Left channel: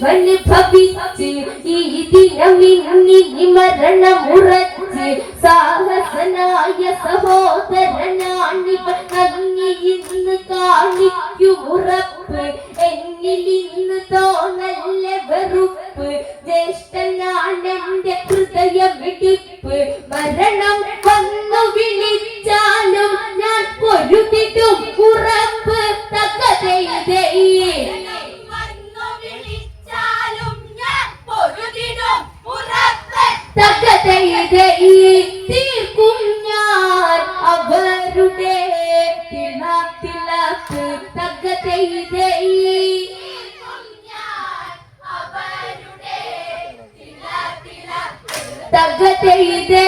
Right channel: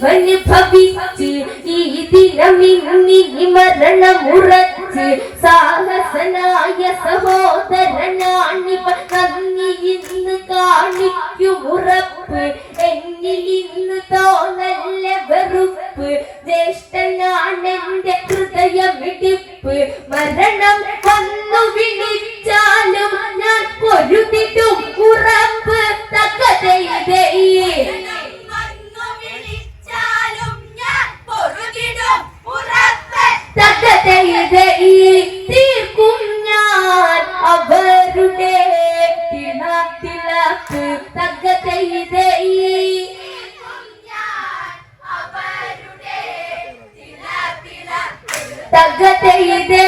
ജീവന് ഭവിച്ച് ഈ ദിനമിന്നി മരണമുറച്ച് സാഹസനായ സഹോദരനാണിവ നന്ദി ഇന്ന് കാണിക്കുമുറപ്പ് എന്നിൽ ഇന്ന് തോന്നല്ല വെറുപ്പ് ജ്യേഷ്ഠനാണെന്റെ ഹൃദയമിടിപ്പ് മരണം വന്നു വിളിച്ചാലും ഞാൻ പൊരുതിടും ഉറപ്പ് തകതയിതേ തീർക്കും ഞാൻ അവരുടെ തിളക്ക് തകതയിതേ തകതയിതേ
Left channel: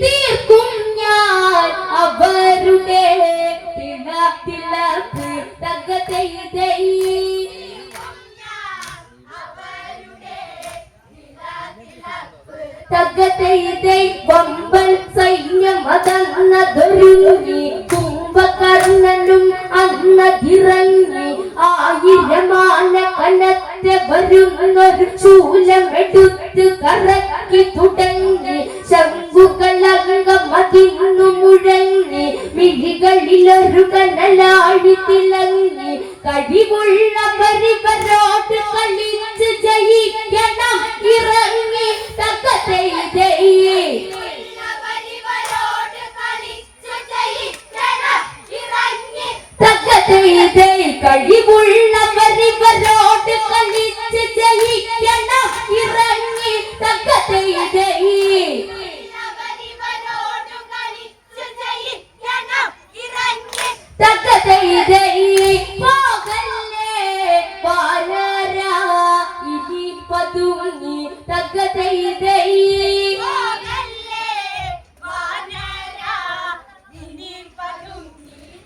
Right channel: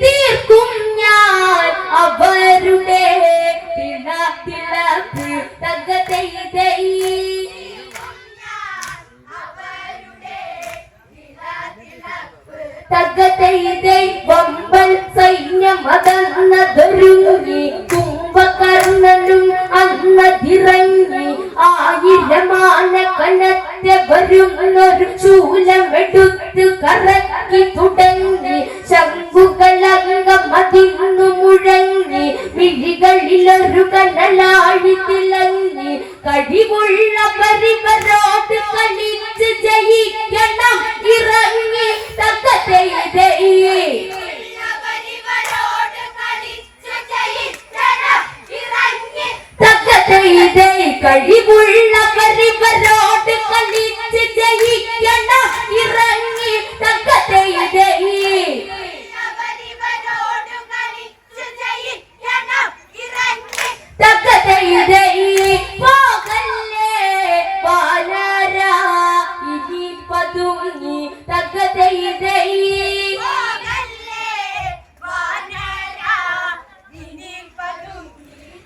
തീർക്കും ഞാൻ അവരുടെ തിളക്ക് തകതയിതേ തകതയിതേ വമ്പൻ സൈന്യമതന്നതൊരുങ്ങി കുംഭകർണനും അന്നതിറങ്ങി ആയിരമാന കനത്തെ വരുന്നൊരു ശൂലമെടുത്ത് കറക്കി തുടങ്ങി ശംഖുകളംഗമതിന്നു മുഴങ്ങി മിഴികളിലൊരു കനലാഴി തിളങ്ങി കഴിവുള്ള പരിവരോട് കളിച്ച് ജയിക്കണം ഇറങ്ങി തകതയിതേ തകതയിതേ കഴിവുള്ള പരിവരോട് കളിച്ച് ജയിക്കണം ഇറങ്ങി തകതയിതേ തകതയിതേ പോകല്ലേ പാലാരാ ഇനി പതുങ്ങി തകതയിതേ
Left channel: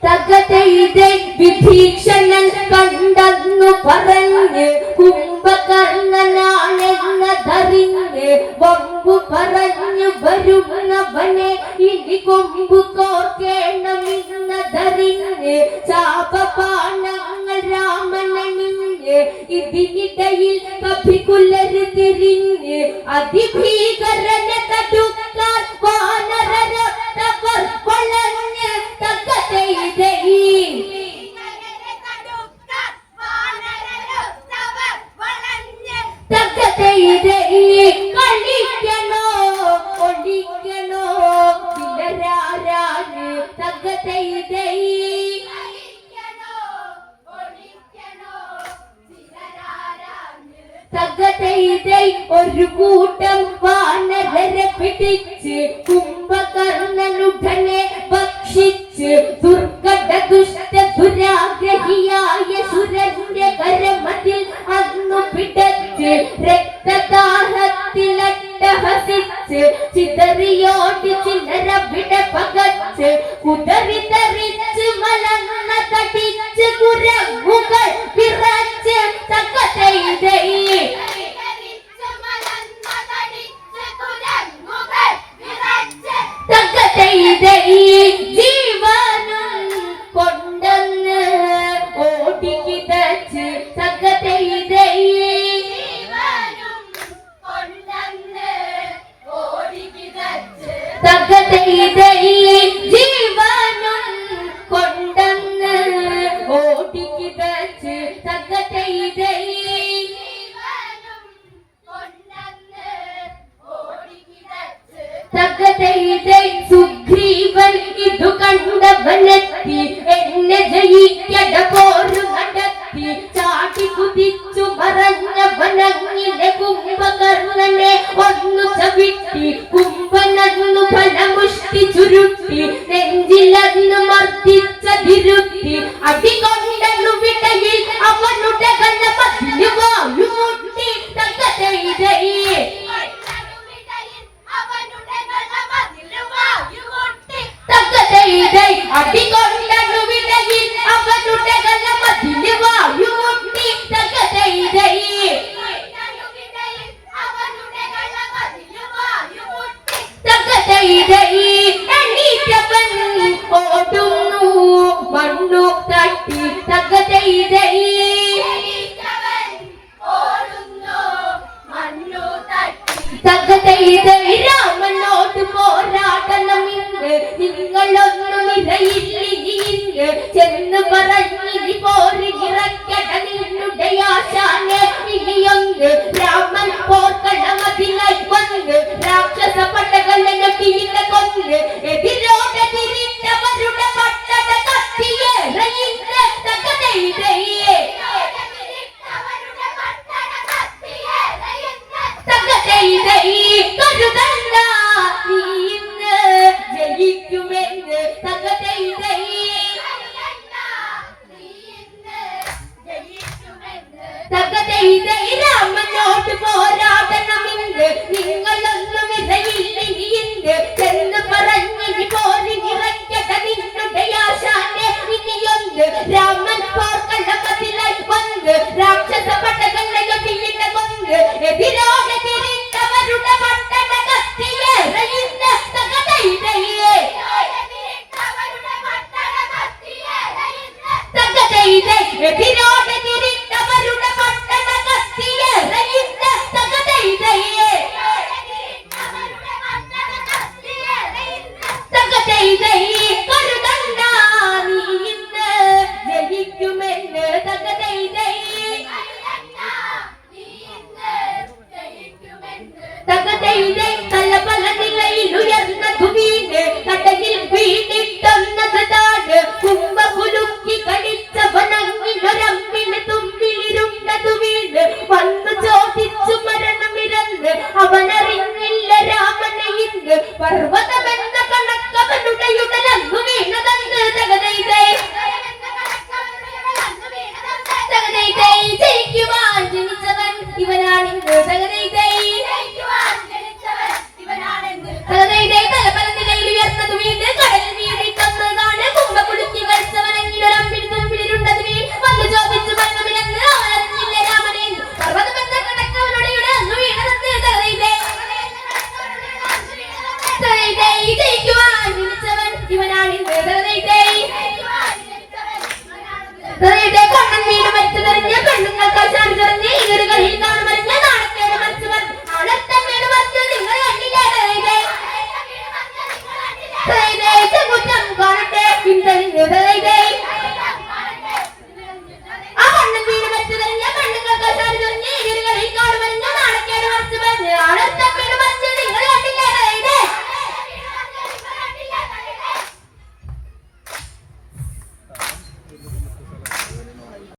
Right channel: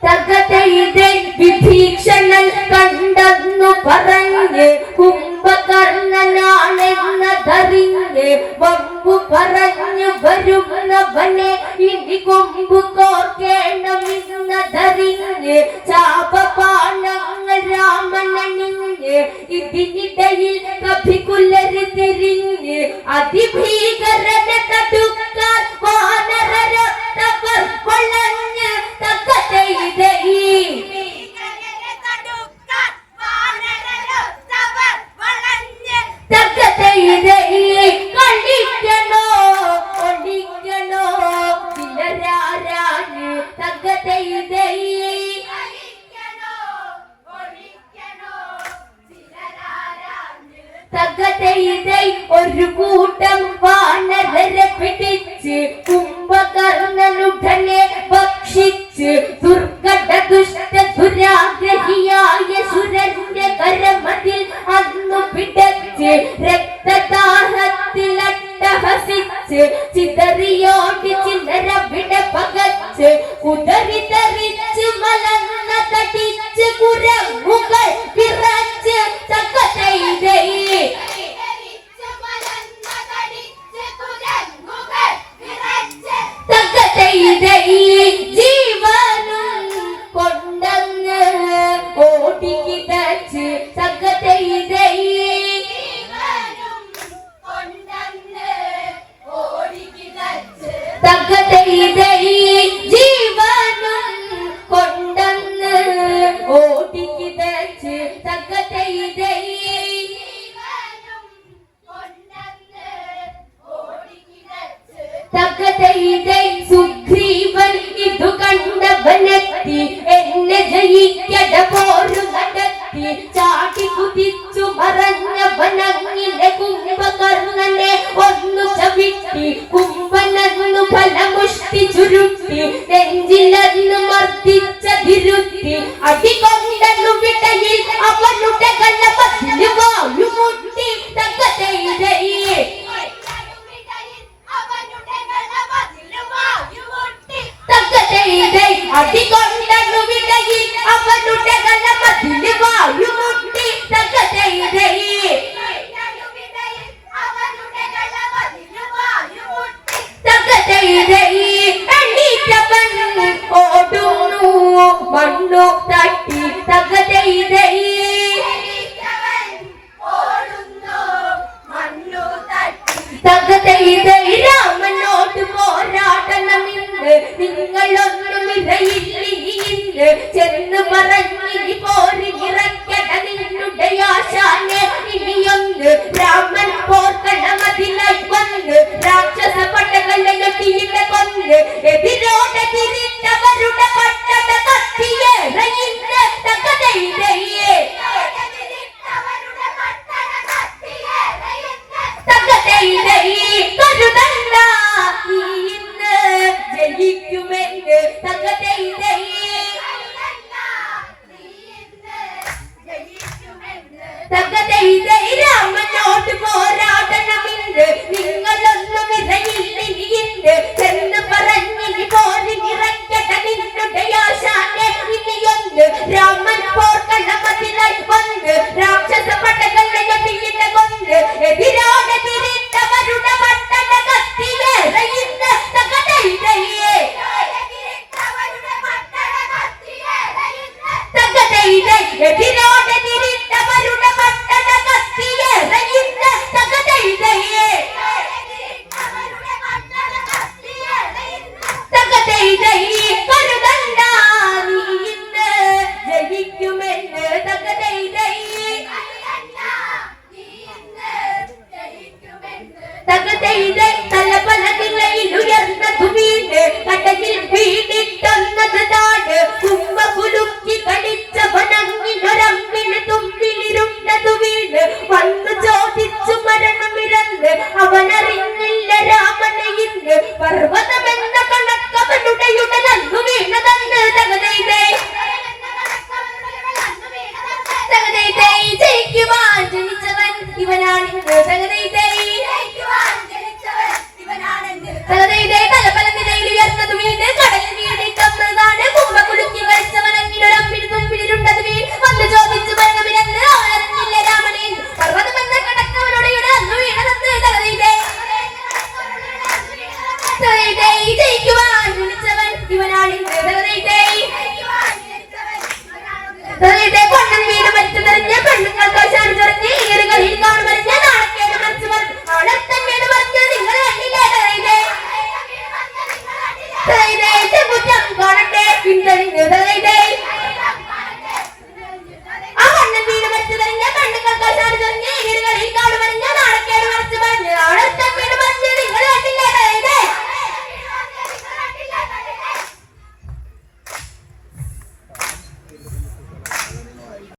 തകതയിതേ വിഭീഷണൻ കണ്ടെന്നു പറഞ്ഞ് കുംഭകർണനാണെന്നതറിഞ്ഞ് വമ്പു പറഞ്ഞു വരുന്നവനെ ഇനി കൊമ്പു കോർക്കേണമെന്നതറിഞ്ഞ് ചാപപാണങ്ങൾ രാമനണിഞ്ഞ് ഇതിനിടയിൽ കഭികുലര് തിരിഞ്ഞ് അതിഭീകരനെ തടുക്കാൻ വാനരരൊത്തവർ വളഞ്ഞ് തകതയിതേ തകതയിതേ കളിക്കണോ ഒളിക്കണോ ചിലരാരാണ് തകതയിതേ തകതയിതേ ഒരു കൂട്ടം വാനരരെ പിടിച്ച് കുംഭകർണനുടനെ ഭക്ഷിച്ച് ദുർഘട ദുഷ്ട ദുരാഗ്രഹിയായ സുരന്റെ കരമതിൽ അന്നു പിടച്ച് രക്തദാഹത്തിലട്ടഹസിച്ച് ചിതറിയോടി ചില്ലറ വിട പകച്ച് കുതറി തറിച്ച് മലന്ന തടിച്ച് കുരങ്ങുകൾ വിറച്ച് തകതയിതേ തകതയിതേ ജീവനും കൊണ്ടെന്ന് ഓടിക്കിതച്ച് തകതയിതേ തകതയിതേ ജീവനും കൊണ്ടെന്ന് ഓടിക്കിതച്ച് തകതയിതേ തകതയിതേ സുഗ്രീവൻ ഇതു കണ്ടവനെത്തി എന്നെ ജയിക്കട പോരു നടത്തി ചാടി കുതിച്ചു മറഞ്ഞവനങ്ങിലെ കുംഭകർണനെ ഒന്നു ചവിട്ടി കുംഭനന്നു ഫലമുഷ്ടി ചുരുട്ടി നെഞ്ചിലന്നു മർദ്ദിച്ചതിരുത്തി അടികൊണ്ടു വിടയിൽ അവനുടെ കള്ളപത്തിൽ വായുമുട്ടി തകതയിതേ തകതയിതേ അടികൊണ്ടു വിടയിൽ അവനുടെ കള്ളപത്തിൽ വായുമുട്ടി തകതയിതേ തകതയിതേ എണീറ്റവൻ പറഞ്ഞിനി പോരിറക്കട നിന്നുടെ ആശാനെ ഇനിയൊന്ന് രാമൻ പോർക്കളമതിലായി വന്ന് രാക്ഷസ പടകളെയൊക്കെയില്ല കൊന്ന് എതിരോടെ തിരിഞ്ഞവരുടെ പട്ടണ കത്തിയേറയിന്ന് തകതൈതയെ കരുതണ്ട നീ ഇന്ന് ജയിക്കുമെന്ന് രാമനോട് പോരാടണമെന്ന് നിങ്ങളൊന്നും ഇറയില്ലിനിയുണ്ട് എന്ന് പറഞ്ഞിനി പോരിറക്കട നിന്നുടെ ആശാനെ ഇനിയൊന്ന് രാമൻ പോർക്കളമതിലായി വന്ന് രാക്ഷസ പടകളെയൊക്കെയില്ല കൊന്ന് എതിരോടെ തിരിഞ്ഞവരുടെ പട്ടണ കത്തിയേറയിന്ന് തകതൈതയെ എതിരോടെ തിരിഞ്ഞവരുടെ പട്ടണ കത്തിയേറയിന്ന് തകതൈതയെ കരുതണ്ട നീ ഇന്ന് ജയിക്കുമെന്ന് തലപല നിലയിൽ ഉയർന്നതു വീണ് കടലിൽ വീണിട്ടൊന്നത് താട് കുമ്പ കുലുക്കി കടിച്ചവനങ്ങിലൊരമ്പിന് തുമ്പിലിരുന്നതു വീണ് വന്നു ചോദിച്ചു മരണമിരന്ന് അവനറിഞ്ഞില്ല രാമനെ ഇന്ന് പർവ്വതമെന്ന കണക്കവനുടെ ഉടലന്നു വീണതന്ന് ജയിക്കുവാൻ ജനിച്ചവൻ ഇവനാണിന്ന് തലപല നിലയിൽ ഉയർന്നത് വീണ് കടലിൽ വീണിട്ടൊന്നതാണ് കുമ്പ കുലുക്കി കഴിച്ചവനങ്ങിലൊരമ്പിന് തുമ്പിലിരുണ്ടത് വീണ് വന്നു ചോദിച്ചു മരണമിരന്ന് അവനറിഞ്ഞില്ല രാമനെ പർവ്വതമെന്ന കണക്കവനുടെ ഉടലന്നു വീണതന്ന് ജയിക്കുവാൻ ജനിച്ചവൻ ഇവനാണിന്ന് കൊണ്ടൻ വീട് മരിച്ചു നിറഞ്ഞ പെണ്ണുങ്ങൾക്ക് ചാടി നിറഞ്ഞ് ഈറുകളിൽ കാണുമറിഞ്ഞ നാണക്കേട് മറിച്ചവൻ ആണത്തൻ വീട് മറിച്ചു നിങ്ങൾ കണ്ടില്ലേ കുറ്റം കാണട്ടെ പിന്തുണി